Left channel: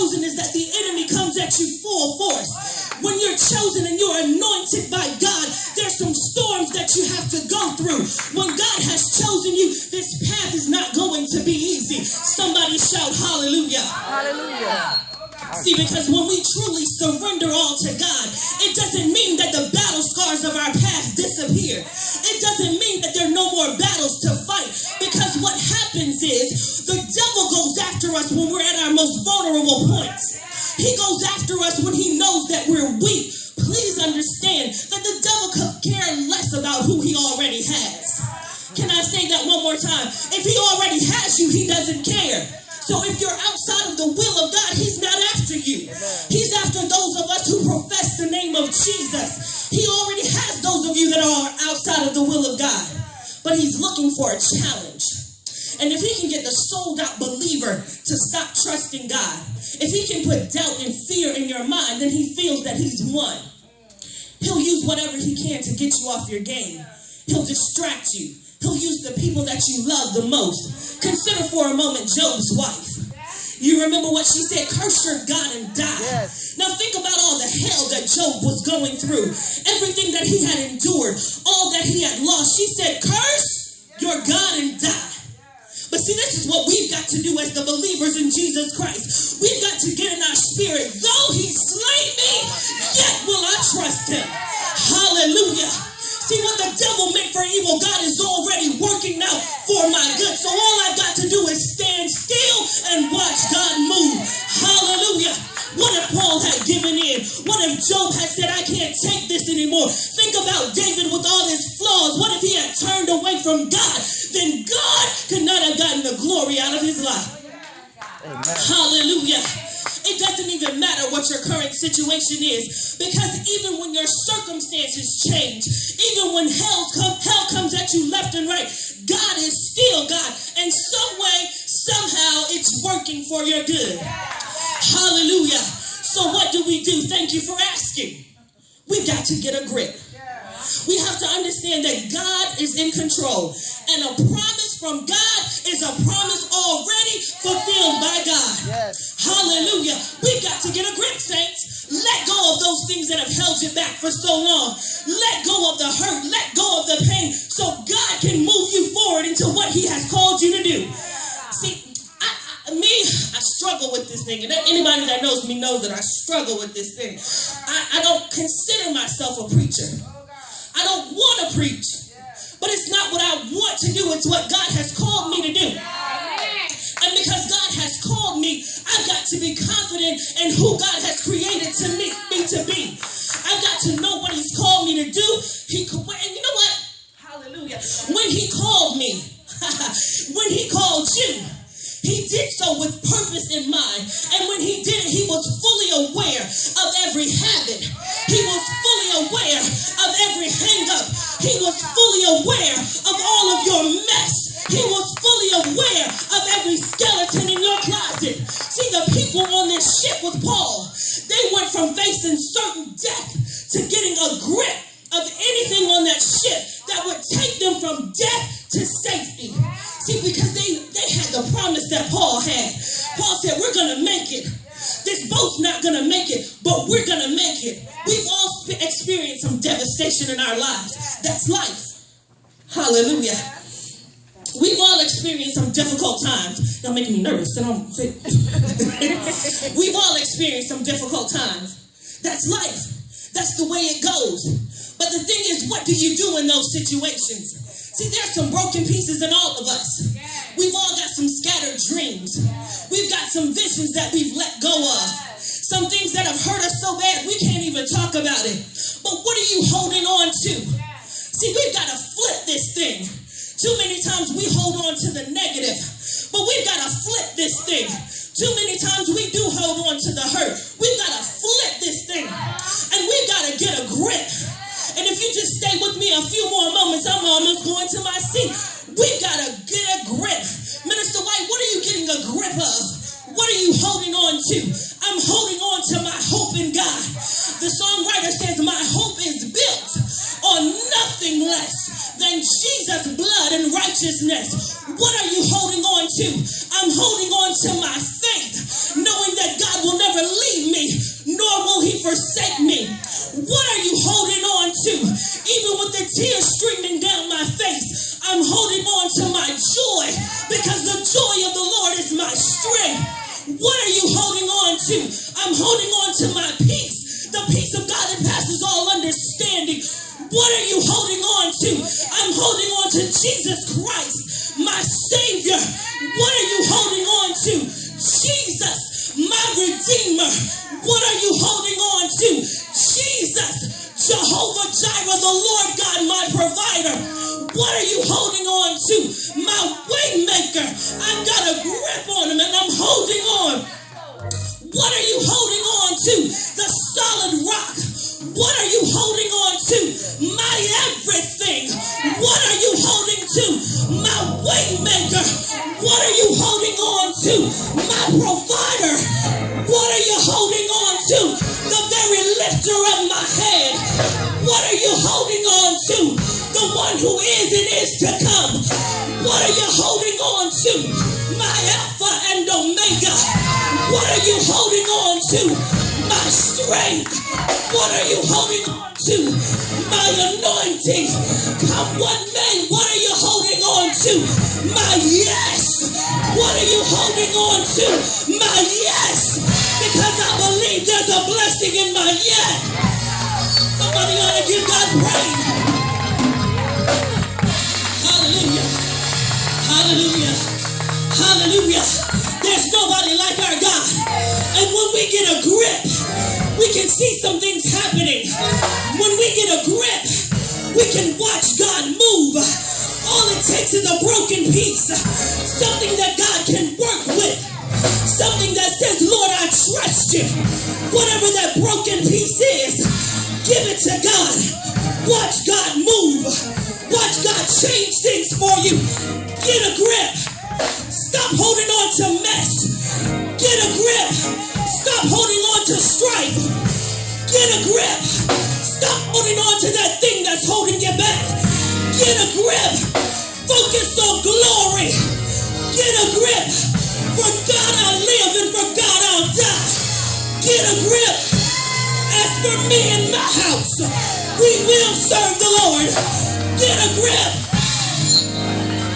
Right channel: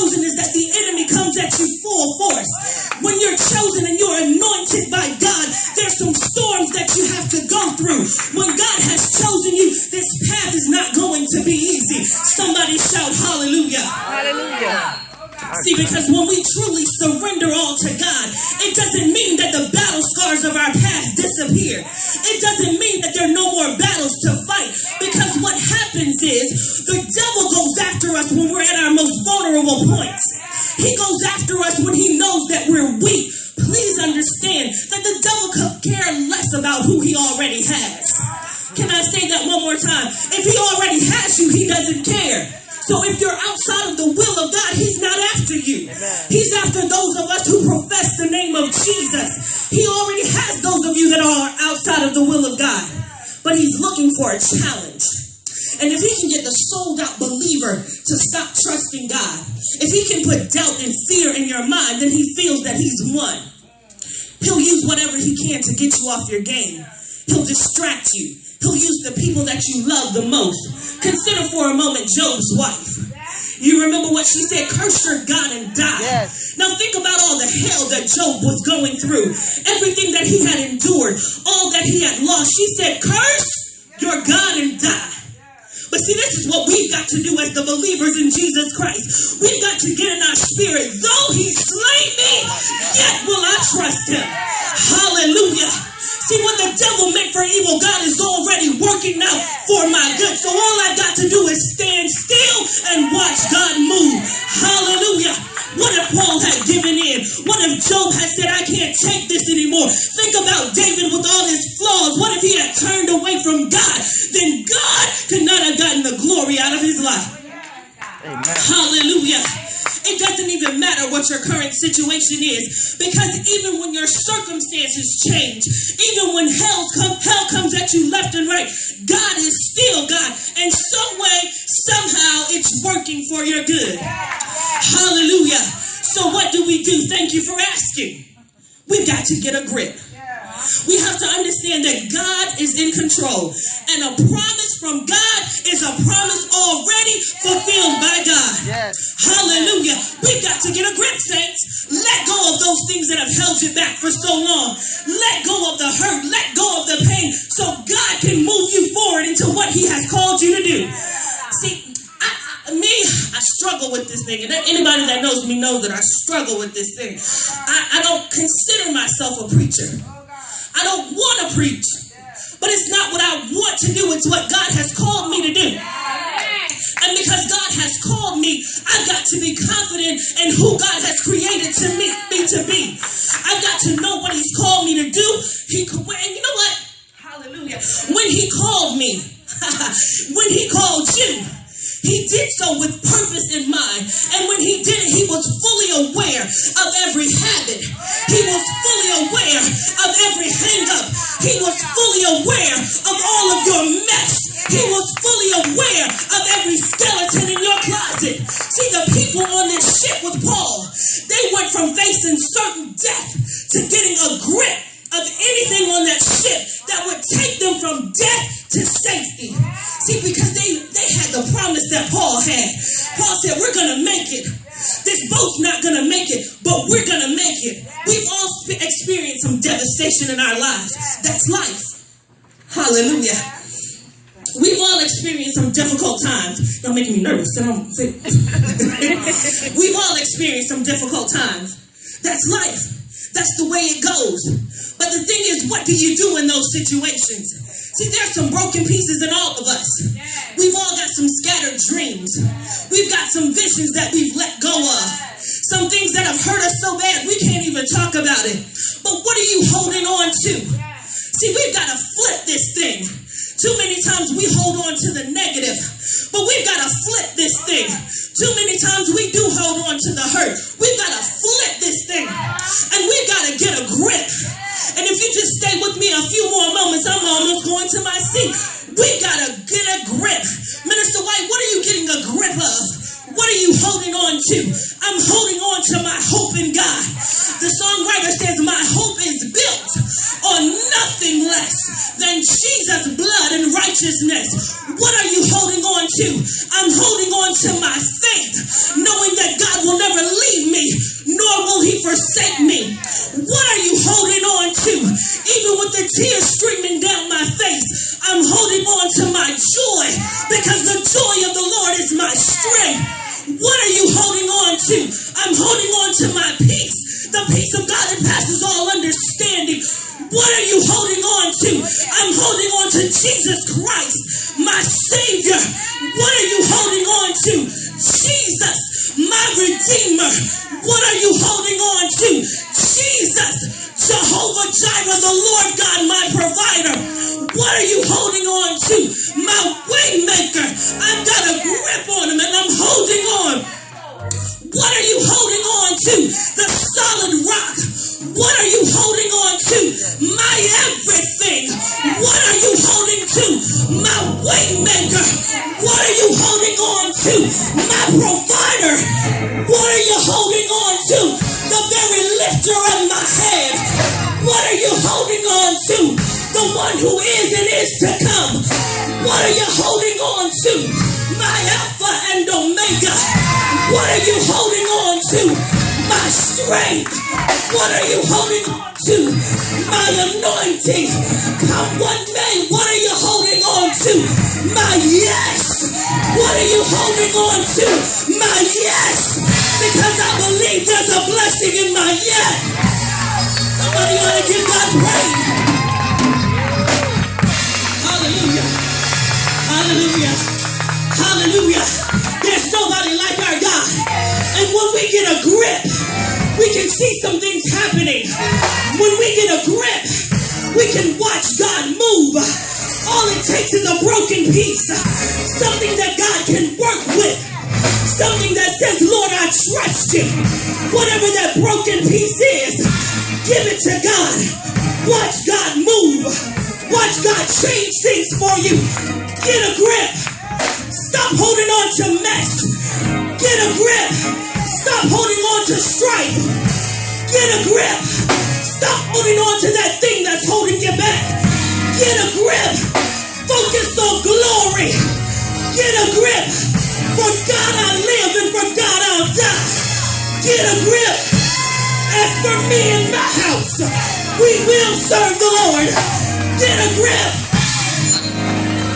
chosen is that the enemy comes at you full force. When you're chosen and you're anointed by God, there's some storms that you have to go through. When God has chosen you, this path is not going to be easy. Somebody shout hallelujah. Hallelujah. See, because when we truly surrender all to God, it doesn't mean that the battle scars of our past disappear. It doesn't mean that there are no more battles to fight. Because what happens is the devil goes after us when we're at our most vulnerable points. He goes after us when he knows that we're weak. Please understand that the devil could care less about who he already has. Can I say that one more time? If he already has you, he doesn't care. So if you're outside of the will of God, he's not after you. He's after those of us who profess the name of Jesus. He already has those of you that are outside of the will of God. But he's looking for a challenge. And if he can get the sold out believer to stop trusting God, if he can put doubt and fear in your mind, then he feels that he's won. He'll use whatever he can to get you off your game. He'll distract you. He'll use the people that you love the most. Consider for a moment Job's wife. You remember what she said? Curse your God and die. Yes. Now think about all the hell that Job was going through. Everything that he had endured. All that he had lost. She said, curse your God and die. But see, this is what we've got to do as the believers in Jesus Christ. We've got to get in our spirit. Though he slay me, yet will I trust him. Hallelujah. See, what the devil meant for evil, God is already working out for my good. So all I've got to do is stand still and watch God move. Hallelujah. What if Paul had given in? What if Job had said, I can't take this anymore? Think about David with all his flaws. What if he had turned away from God? Then God could not have gotten the glory out of his life. Amen. Hallelujah. It doesn't even matter what your current situation is, because even when your circumstances change, even when hell comes at you left and right, God is still God. And some way, somehow, it's working for your good. Hallelujah. So what do? Thank you for asking. We've got to get a grip. We have to understand that God is in control. And a promise from God is a promise already fulfilled by God. Yes. Hallelujah. We've got to get a grip, saints. Let go of those things that have held you back for so long. Let go of the hurt. Let go of the pain so God can move you forward into what he has called you to do. See, I struggle with this thing. And anybody that knows me knows that I struggle with this thing. I don't consider myself a preacher. I don't want to preach, but it's not what I want to do. It's what God has called me to do. And because God has called me, I've got to be confident in who God has created me to be. I've got to know what he's called me to do. And you know what? Hallelujah. When he called me, when he called you, he did so with purpose in mind. And when he did it, he was fully aware of every habit. He was fully aware of every hang-up. He was fully aware of all of your mess. He was fully aware of every skeleton in your closet. See, the people on this ship with Paul, they went from facing certain death to getting a grip of anything on that ship that would take them from death to safety. See, because they had the promise that Paul had. Paul said, we're going to make it. This boat's not going to make it, but we're going to make it. We've all experienced some devastation in our lives. That's life. Hallelujah. We've all experienced some difficult times. Y'all making me nervous. We've all experienced some difficult times. That's life. That's the way it goes. But the thing is, what do you do in those situations? See, there's some broken pieces in all of us. We've all got some scattered dreams. We've got some visions that we've let go of. Some things that have hurt us so bad we can't even talk about it. But what are you holding on to? See, we've got to flip this thing. Too many times we hold on to the negative, but we've got to flip this thing. Too many times we do hold on to the hurt. We've got to flip this thing, and we've got to get a grip. And if you just stay with me a few more moments, I'm almost going to my seat. We've got to get a grip. Minister White, what are you getting a grip of? What are you holding on to? I'm holding on to my hope in God. The songwriter says, my hope is built on nothing less than Jesus' blood and righteousness. What are you holding on to? I'm holding on to my faith, knowing that God will forsake me. What are you holding on to? Even with the tears streaming down my face, I'm holding on to my joy because the joy of the Lord is my strength. What are you holding on to? I'm holding on to my peace, the peace of God that passes all understanding. What are you holding on to? I'm holding on to Jesus Christ, my Savior. What are you holding on to? Jesus, my Redeemer. What are you holding on to? Jesus, Jehovah Jireh, the Lord God, my provider. What are you holding on to? My way maker. I've got a grip on him and I'm holding on. What are you holding on to? The solid rock. What are you holding on to? My everything. What are you holding to? My way maker. What are you holding on to? My provider. What are you holding on to? The very lifter of my head. What are you holding on to? The one who is and is to come. What are you holding on to? My Alpha and Omega. What are you holding on to? My strength. What are you holding on to? My anointing. Come what may. What are you holding on to? My yes. What are you holding on to? My yes. Because I believe there's a blessing in my yes. Somebody ought to give God praise. Hallelujah. Hallelujah. Hallelujah. There's nobody like our God. And when we get a grip, we can see some things happening. When we get a grip, we can watch God move. All it takes is a broken piece. Something that God can work with. Something that says, Lord, I trust you. Whatever that broken piece is, give it to God. Watch God move. Watch God change things for you. Get a grip. Stop holding on to mess. Get a grip. Stop holding on to strife. Get a grip. Stop holding on to that thing that's holding you back. Get a grip. Focus on glory. Get a grip. For God I live and for God I'll die. Get a grip. As for me and my house, we will serve the Lord. Get a grip.